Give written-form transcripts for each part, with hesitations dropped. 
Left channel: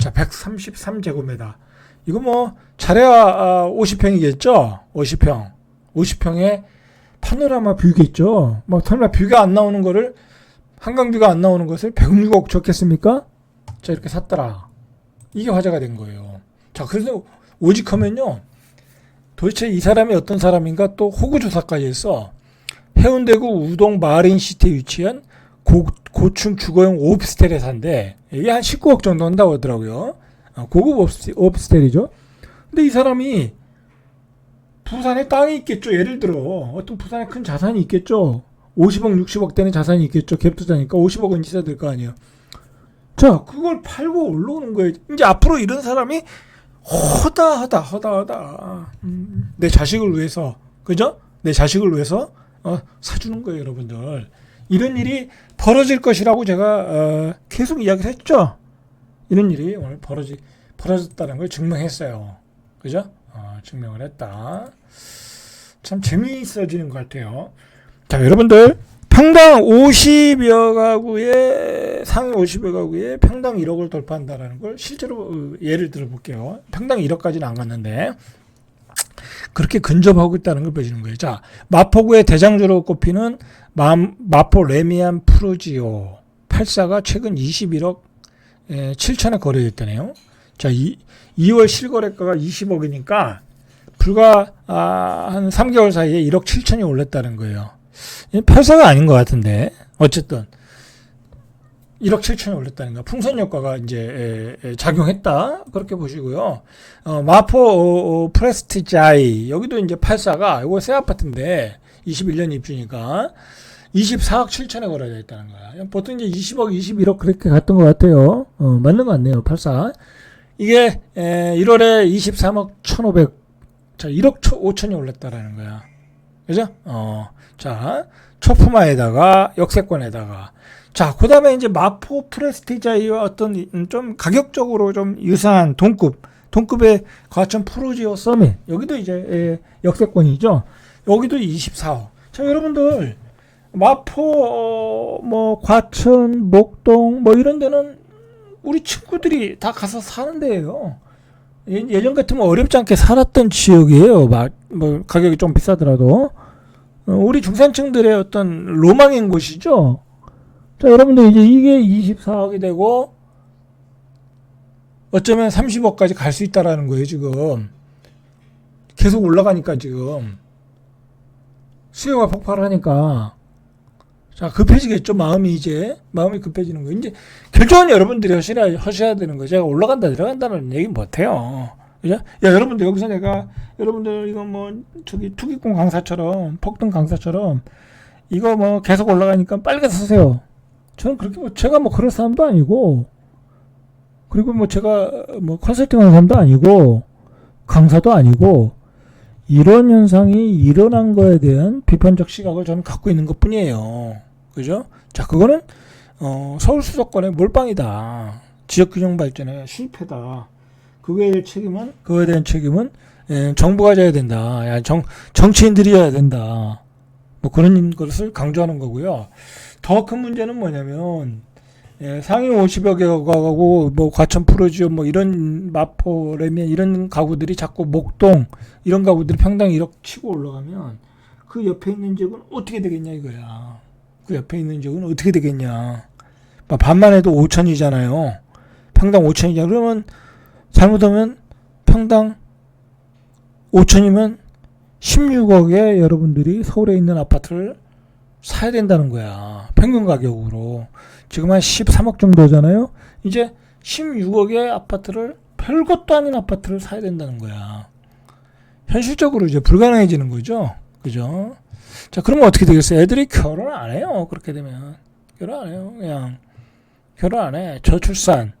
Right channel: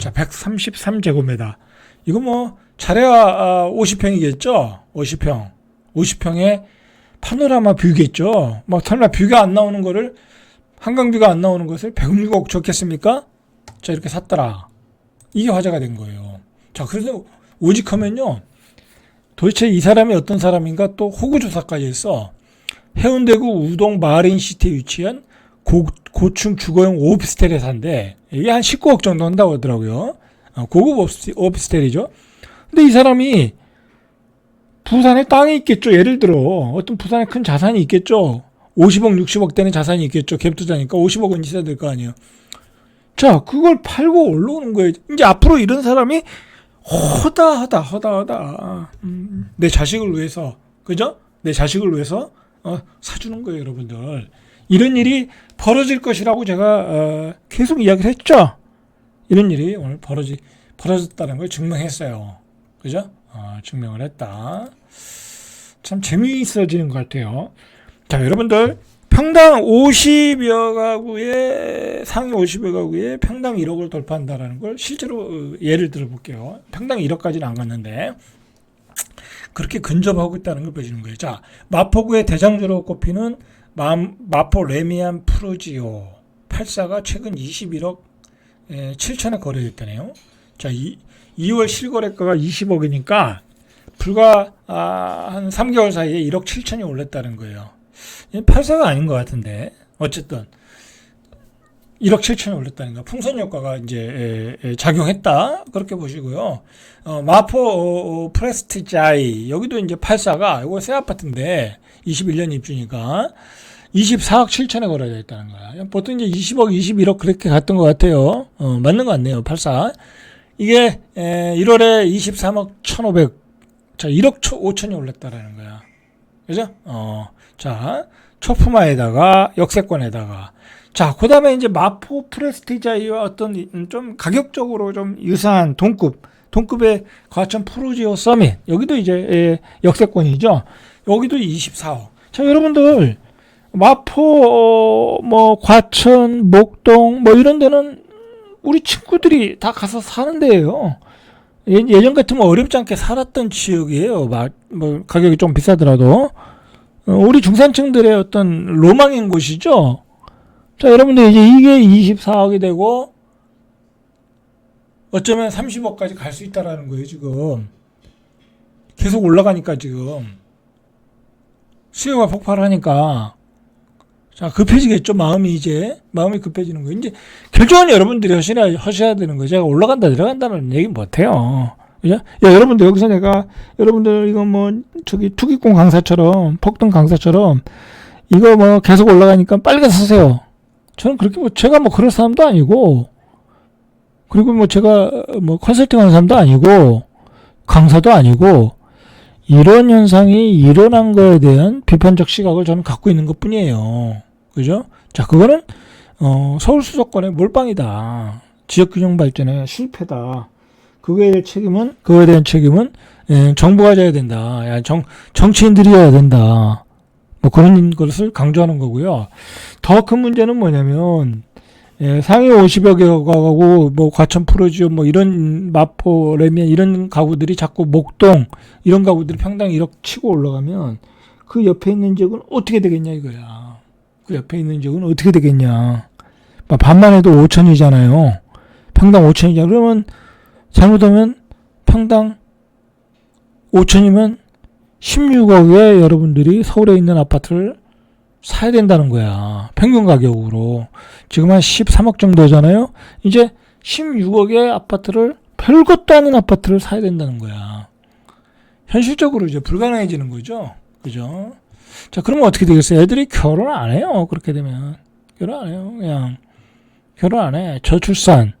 자, 133제곱미터. 이거 뭐 잘해야 50평이겠죠? 50평. 50평에 파노라마 뷰겠죠? 막 설마 뷰가 안 나오는 거를, 한강뷰가 안 나오는 것을 106억 줬겠습니까? 자, 이렇게 샀더라. 이게 화제가 된 거예요. 자, 그래서 오직하면요, 도대체 이 사람이 어떤 사람인가 또 호구조사까지 했어. 해운대구 우동 마린시티에 위치한 고층 주거용 오피스텔에 산대. 이게 한 19억 정도 한다고 하더라고요. 고급 오피스텔이죠. 근데 이 사람이 부산에 땅이 있겠죠. 예를 들어 어떤 부산에 큰 자산이 있겠죠. 50억 60억 되는 자산이 있겠죠. 갭투자니까 50억은 있어야 될 거 아니에요. 자, 그걸 팔고 올라오는 거예요. 이제 앞으로 이런 사람이 허다하다. 내 자식을 위해서, 그죠? 내 자식을 위해서 사주는 거예요, 여러분들. 이런 일이 벌어질 것이라고 제가 계속 이야기를 했죠. 이런 일이 오늘 벌어졌다는 걸 증명했어요. 그죠? 증명을 했다. 참 재미있어지는 것 같아요. 자, 여러분들, 평당 50여 가구에, 상위 50여 가구에 평당 1억을 돌파한다라는 걸 실제로 예를 들어 볼게요. 평당 1억까지는 안 갔는데 그렇게 근접하고 있다는 걸 보여주는 거예요. 자, 마포구의 대장주로 꼽히는 마포 레미안 프루지오 84가 최근 21억 7천에 거래됐다네요. 자, 2월 실거래가가 20억이니까 불과 한 3개월 사이에 1억 7천이 올랐다는 거예요. 84가 아닌 것 같은데 어쨌든 1억 7천이 올랐다는 거. 풍선 효과가 이제 작용했다. 그렇게 보시고요. 마포 프레스티자이 여기도 이제 84가 이거 새 아파트인데 21년 입주니까 24억 7천에 거래되어 있다는 거야. 보통 이제 20억, 21억 그렇게 갔던 것 같아요. 맞는 것 같네요. 84. 이게 1월에 23억 1,500. 자, 1억 5천이 올랐다라는 거야. 그죠? 자, 초품화에다가 역세권에다가. 자, 그 다음에 이제 마포 프레스티자이와 어떤 좀 가격적으로 좀 유사한 동급의 과천 프루지오 서밋. 여기도 이제 역세권이죠. 여기도 24억. 자, 여러분들, 마포, 과천, 목동, 이런 데는 우리 친구들이 다 가서 사는 데예요. 예전 같으면 어렵지 않게 살았던 지역이에요. 가격이 좀 비싸더라도. 우리 중산층들의 어떤 로망인 곳이죠. 자, 여러분들 이제 이게 24억이 되고 어쩌면 30억까지 갈 수 있다라는 거예요, 지금. 계속 올라가니까 지금. 수요가 폭발하니까. 자, 급해지겠죠, 마음이 급해지는 거예요. 이제 결정은 여러분들이 하셔야 되는 거예요. 제가 올라간다, 내려간다는 얘기 못해요. 그죠? 야, 여러분들, 여기서 여러분들, 이거 투기꾼 강사처럼, 폭등 강사처럼, 이거 계속 올라가니까 빨리 가서 사세요. 저는 그렇게 제가 그럴 사람도 아니고, 그리고 제가 컨설팅 하는 사람도 아니고, 강사도 아니고, 이런 현상이 일어난 거에 대한 비판적 시각을 저는 갖고 있는 것 뿐이에요. 그죠? 자, 그거는, 서울 수도권의 몰빵이다. 지역균형 발전의 실패다. 그거에 대한 책임은 정부가 져야 된다. 정치인들이 져야 된다. 그런 것을 강조하는 거고요. 더 큰 문제는 뭐냐면, 상위 50여 개 가구, 과천 프로지오, 이런 마포, 레미안, 이런 가구들이 자꾸 목동, 이런 가구들이 평당 1억 치고 올라가면, 그 옆에 있는 지역은 어떻게 되겠냐, 이거야. 그 옆에 있는 지역은 어떻게 되겠냐. 반만 해도 5천이잖아요. 평당 5천이잖아. 그러면, 잘못하면, 평당 5천이면 16억에 여러분들이 서울에 있는 아파트를 사야 된다는 거야. 평균 가격으로. 지금 한 13억 정도잖아요. 이제 16억의 아파트를, 별것도 아닌 아파트를 사야 된다는 거야. 현실적으로 이제 불가능해지는 거죠. 그죠? 자, 그러면 어떻게 되겠어요? 애들이 결혼 안 해요. 그렇게 되면. 결혼 안 해요. 그냥. 결혼 안 해. 저출산,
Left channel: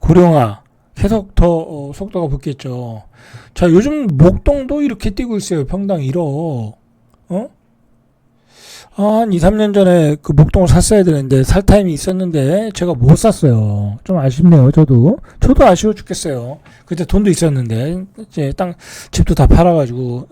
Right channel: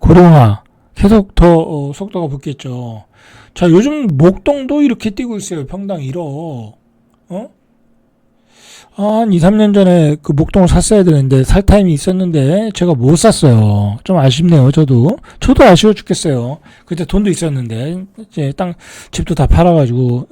고령화. 계속 더 속도가 붙겠죠. 자, 요즘 목동도 이렇게 뛰고 있어요. 평당 1억. 한 2, 3년 전에 그 목동을 샀어야 되는데, 살 타임이 있었는데, 제가 못 샀어요. 좀 아쉽네요, 저도 아쉬워 죽겠어요. 그때 돈도 있었는데, 이제 집도 다 팔아가지고,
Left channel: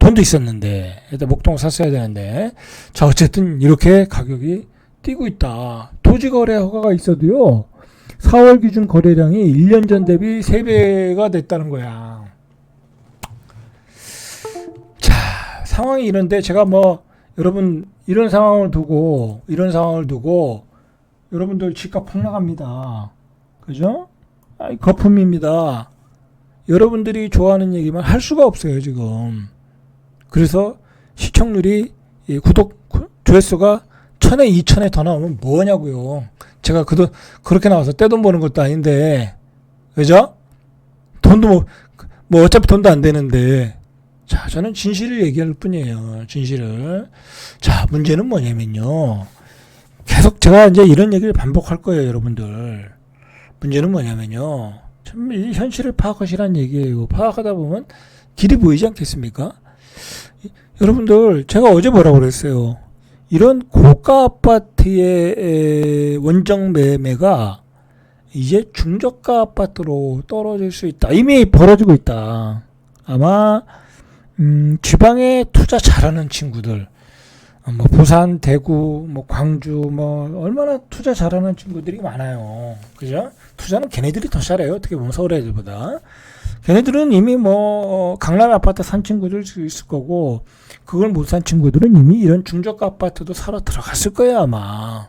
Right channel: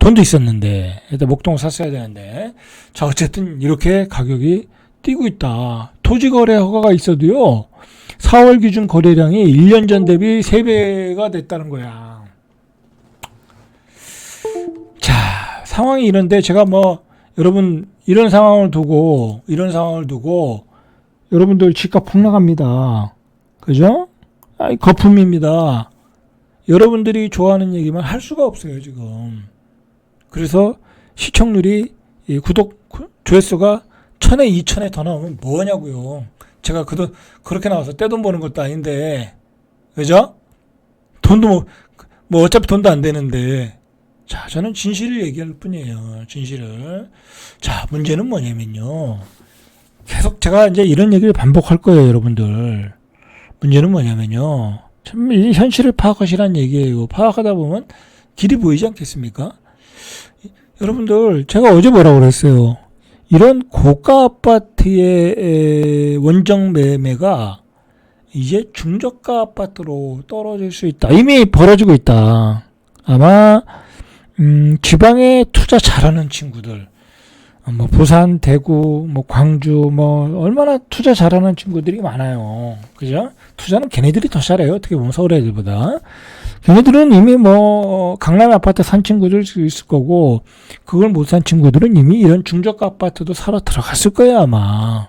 돈도 있었는데, 일단 목동을 샀어야 되는데, 자, 어쨌든 이렇게 가격이 뛰고 있다. 토지거래 허가가 있어도요, 4월 기준 거래량이 1년 전 대비 3배가 됐다는 거야. 자, 상황이 이런데 제가 뭐 여러분 이런 상황을 두고 여러분들 집값 폭락합니다. 그죠? 거품입니다. 여러분들이 좋아하는 얘기만 할 수가 없어요, 지금. 그래서 시청률이 구독 조회수가 1000에 2000에 더 나오면 뭐냐고요. 제가 그렇게 나와서 떼돈 버는 것도 아닌데, 그죠? 돈도 뭐 어차피 돈도 안 되는데. 자, 저는 진실을 얘기할 뿐이에요. 진실을. 자, 문제는 뭐냐면요. 계속 제가 이제 이런 얘기를 반복할 거예요, 여러분들. 문제는 뭐냐면요. 참, 이 현실을 파악하시라는 얘기예요. 파악하다 보면 길이 보이지 않겠습니까? 여러분들, 제가 어제 뭐라고 그랬어요? 이런 고가 아파트의 원정 매매가 이제 중저가 아파트로 떨어질 수 있다. 이미 벌어지고 있다. 아마 지방에 투자 잘하는 친구들, 뭐 부산, 대구, 뭐 광주, 뭐 얼마나 투자 잘하는 친구들이 많아요. 그죠? 투자는 걔네들이 더 잘해요. 어떻게 보면 서울 애들보다. 걔네들은 이미 뭐 강남 아파트 산 친구들 있을 거고, 그걸 못 산 친구들은 이미 이런 중저가 아파트도 사러 들어갔을 거예요, 아마.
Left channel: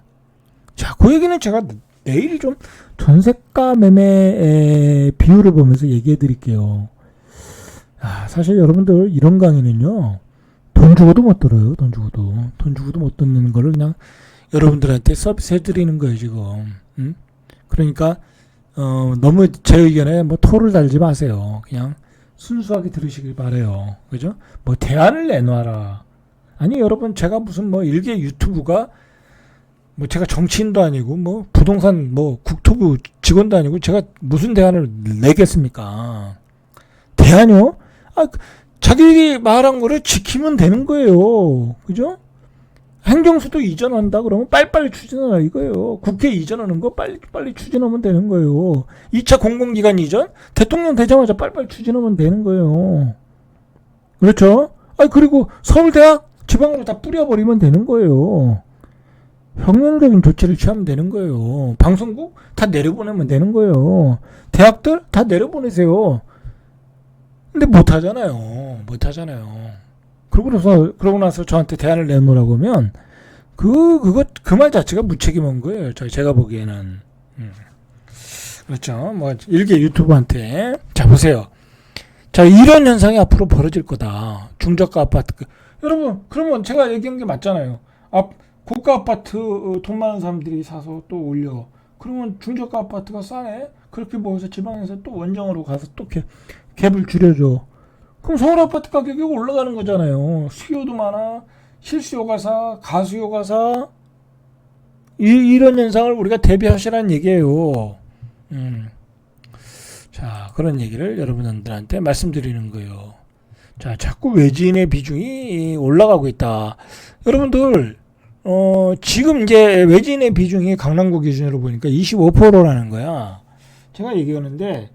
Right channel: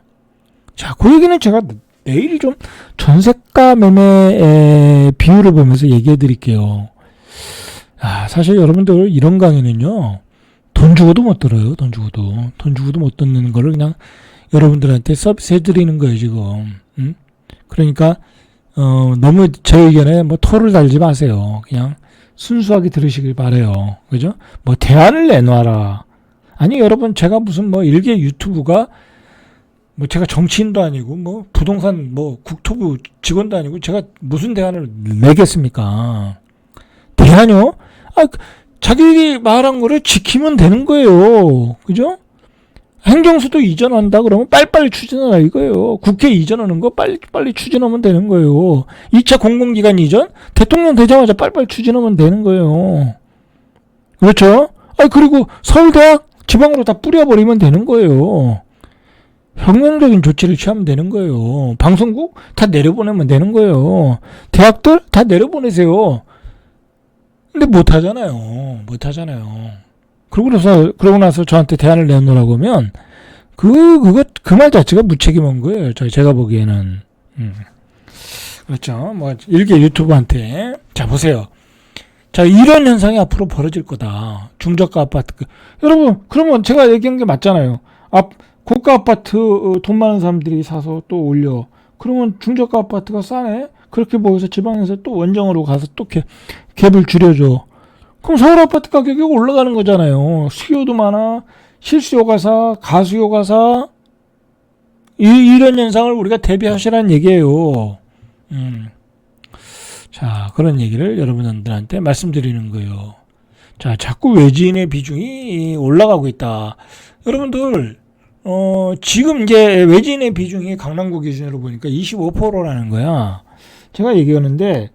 자, 그 얘기는 제가 내일 좀 전세가 매매 비율을 보면서 얘기해 드릴게요. 사실 여러분들 이런 강의는요, 돈 주고도 못 들어요. 돈 주고도 못 듣는 거를 그냥 여러분들한테 서비스 해드리는 거예요, 지금. 그러니까 너무 제 의견에 뭐 토를 달지 마세요. 그냥 순수하게 들으시길 바래요. 그죠? 뭐 대안을 내놔라. 아니, 여러분, 제가 무슨 뭐 일개 유튜브가 뭐 제가 정치인도 아니고 뭐 부동산 뭐 국토부 직원도 아니고 제가 무슨 대안을 내겠습니까? 대안요? 자기 말한 거를 지키면 되는 거예요. 그죠? 행정수도 이전한다 그러면 빨리빨리 추진하라 이거예요. 국회 이전하는 거 빨리 추진하면 되는 거예요. 2차 공공기관 이전 대통령 되자마자 빨리빨리 추진하면 되는 거예요. 그렇죠? 그리고 서울대학 지방으로 다 뿌려버리면 되는 거예요. 혁명적인 조치를 취하면 되는 거예요. 방송국 다 내려보내면 되는 거예요. 대학들 다 내려보내세요. 근데 못하잖아요. 그러고 나서 저한테 대안을 내놓으라고 하면, 그 말 자체가 무책임한 거예요. 제가 보기에는. 그렇죠. 뭐, 일개 유튜브한테. 자, 보세요. 자, 이런 현상이 앞으로 벌어질 거다. 중저가 아파트. 여러분, 그러면 제가 얘기한 게 맞잖아요. 고가 아파트 돈 많은 사람들이 사서 또 올려. 그러면 중저가 아파트가 싸네? 그렇게 보여서 지방에서 또 원정으로 가서 또 갭을 줄여줘. 그럼 서울 아파트 가격이 올라가는 거잖아요. 수요도 많아. 실수요가 사, 가수요가 사. 이런 현상을 우리가 대비하시라는 얘기예요. 자, 그런 얘기를 여러분들한테 말씀드리는 거예요. 자, 자꾸 외지인의 비중이 올라가고 있다. 여러분들, 지금 이제 외지인의 비중이 강남구 기준으로 보니까 25%라는 거야. 제가 얘기하는데,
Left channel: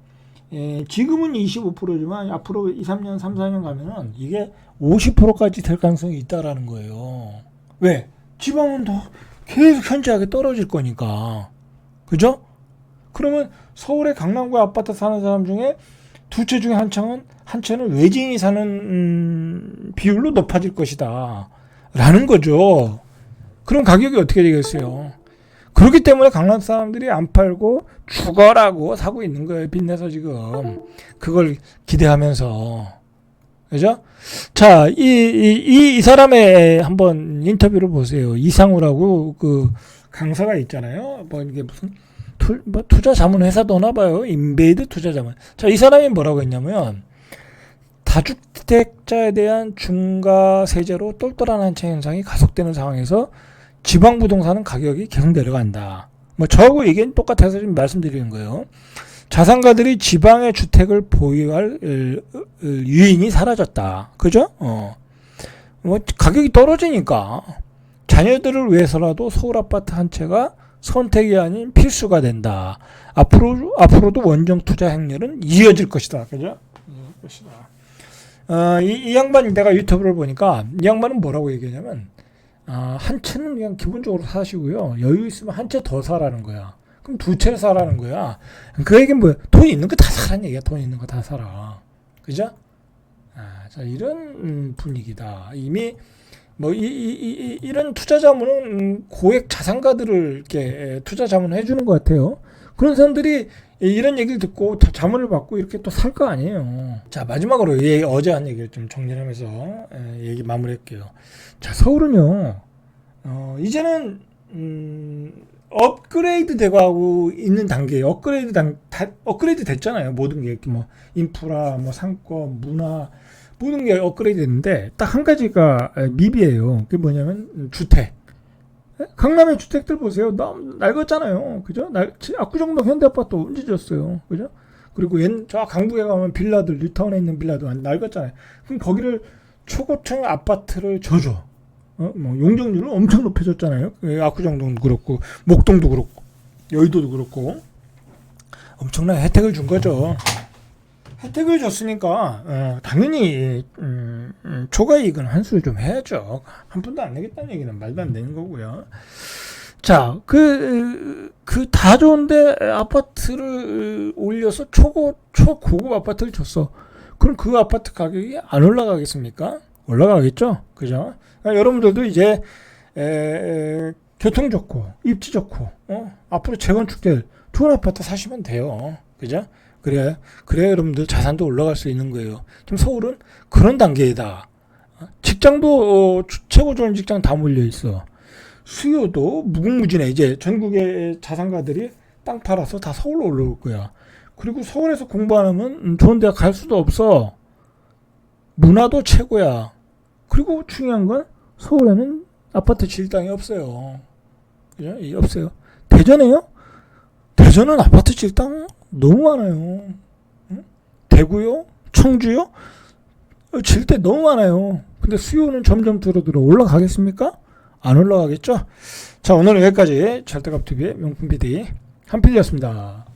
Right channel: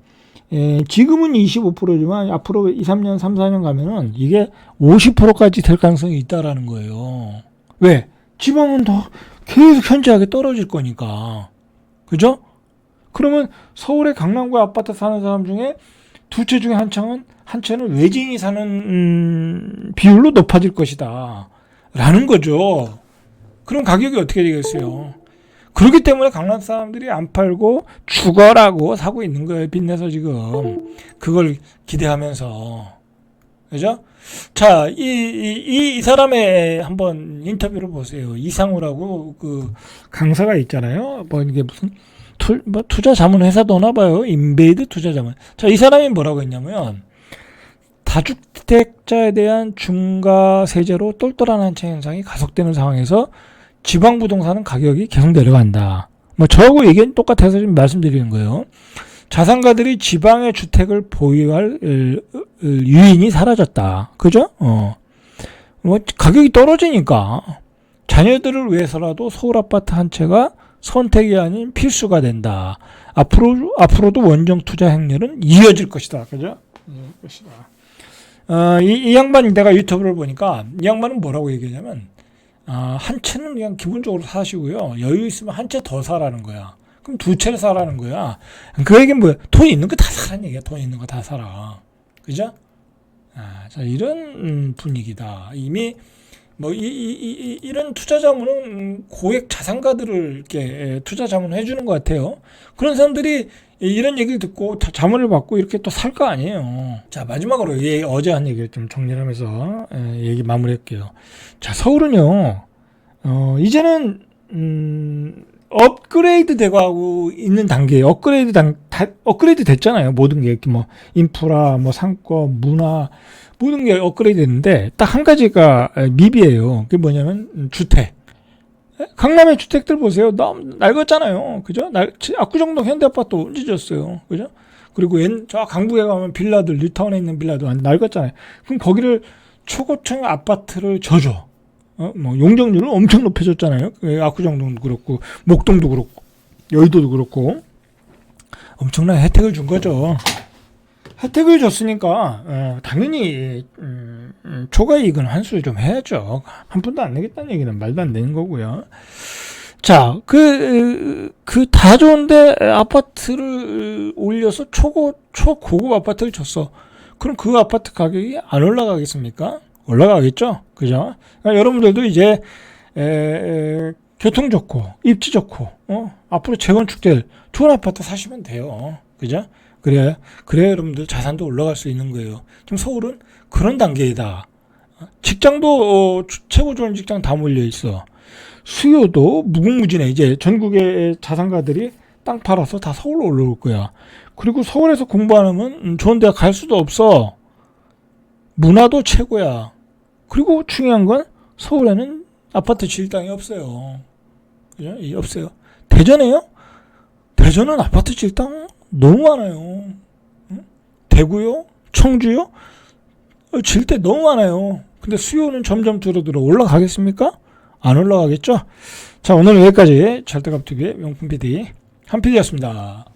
지금은 25%지만 앞으로 2, 3년, 3, 4년 가면은 이게 50%까지 될 가능성이 있다라는 거예요. 왜? 지방은 더 계속 현저하게 떨어질 거니까. 그죠? 그러면 서울의 강남구 아파트 사는 사람 중에 두 채 중에 한 채는 외지인이 사는 비율로 높아질 것이다. 라는 거죠. 그럼 가격이 어떻게 되겠어요? 그렇기 때문에 강남 사람들이 안 팔고 죽어라고 사고 있는 거예요. 빚내서 지금. 그걸 기대하면서. 그죠? 자, 이 사람의 한번 인터뷰를 보세요. 이상우라고 그 강사가 있잖아요. 뭐 이게 무슨 투자 자문 회사도나 봐요. 인베이드 투자 자문. 자, 이 사람이 뭐라고 했냐면, 다주택자에 대한 중과 세제로 똘똘한 한채 현상이 가속되는 상황에서 지방 부동산은 가격이 계속 내려간다. 뭐 저하고 의견이 똑같아서 지금 말씀드리는 거예요. 자산가들이 지방의 주택을 보유할 유인이 사라졌다. 그죠? 뭐 가격이 떨어지니까 자녀들을 위해서라도 서울 아파트 한 채가 선택이 아닌 필수가 된다. 앞으로도 원정 투자 행렬은 이어질 것이다. 그죠? 이 양반, 내가 유튜브를 보니까 이 양반은 뭐라고 얘기하냐면, 한 채는 그냥 기본적으로 사시고요. 여유 있으면 한 채 더 사라는 거야. 그럼 두 채를 사라는 거야. 그 얘기는 뭐야? 돈 있는 거 다 사라는 얘기야. 돈 있는 거 다 사라. 그죠? 자, 이런 분위기다. 이미 뭐 이런 투자 자문은 고액 자산가들을 이렇게 투자 자문을 해주는 것 같아요. 그런 사람들이 이런 얘기를 듣고 자문을 받고 이렇게 또 살 거 아니에요. 자, 마지막으로 어제 한 얘기를 좀 정리를 하면서 얘기 마무리할게요. 자, 서울은요, 이제는 업그레이드 되고 있는 단계에 업그레이드 됐잖아요. 모든 게 뭐 인프라, 뭐 상권, 문화 모든 게 업그레이드 됐는데 딱 한 가지가 미비해요. 그게 뭐냐면 주택. 강남의 주택들 보세요. 너무 낡았잖아요. 그죠? 압구정동 현대아파트 언제 지었어요. 그죠? 그리고 저 강북에 가면 빌라들, 뉴타운에 있는 빌라도 낡았잖아요. 그럼 거기를 초고층 아파트를 져줘. 뭐 용적률은 엄청 높여줬잖아요. 압구정동도 그렇고 목동도 그렇고 여의도도 그렇고 엄청난 혜택을 준 거죠. 혜택을 줬으니까 당연히 초과 이익은 환수를 좀 해야죠. 한 푼도 안 내겠다는 얘기는 말도 안 되는 거고요. 자, 그 다 좋은데 아파트를 올려서 초고급 아파트를 줬어. 그럼 그 아파트 가격이 안 올라가겠습니까? 올라가겠죠? 그죠? 그러니까 여러분들도 이제 교통 좋고 입지 좋고 앞으로 재건축될 좋은 아파트 사시면 돼요. 그죠? 그래 여러분들 자산도 올라갈 수 있는 거예요. 지금 서울은 그런 단계이다. 직장도 최고 좋은 직장 다 몰려 있어. 수요도 무궁무진해. 이제 전국의 자산가들이 땅 팔아서 다 서울로 올라올 거야. 그리고 서울에서 공부 안 하면 좋은 대학 갈 수도 없어. 문화도 최고야. 그리고 중요한 건 서울에는 아파트 질 땅이 없어요. 그죠? 없어요. 대전에요? 대전은 아파트 질 땅 너무 많아요. 응? 대구요? 청주요? 질 때 너무 많아요. 근데 수요는 점점 줄어들어. 올라가겠습니까? 안 올라가겠죠? 자, 오늘 여기까지 절대값TV의 명품 PD 한필이었습니다.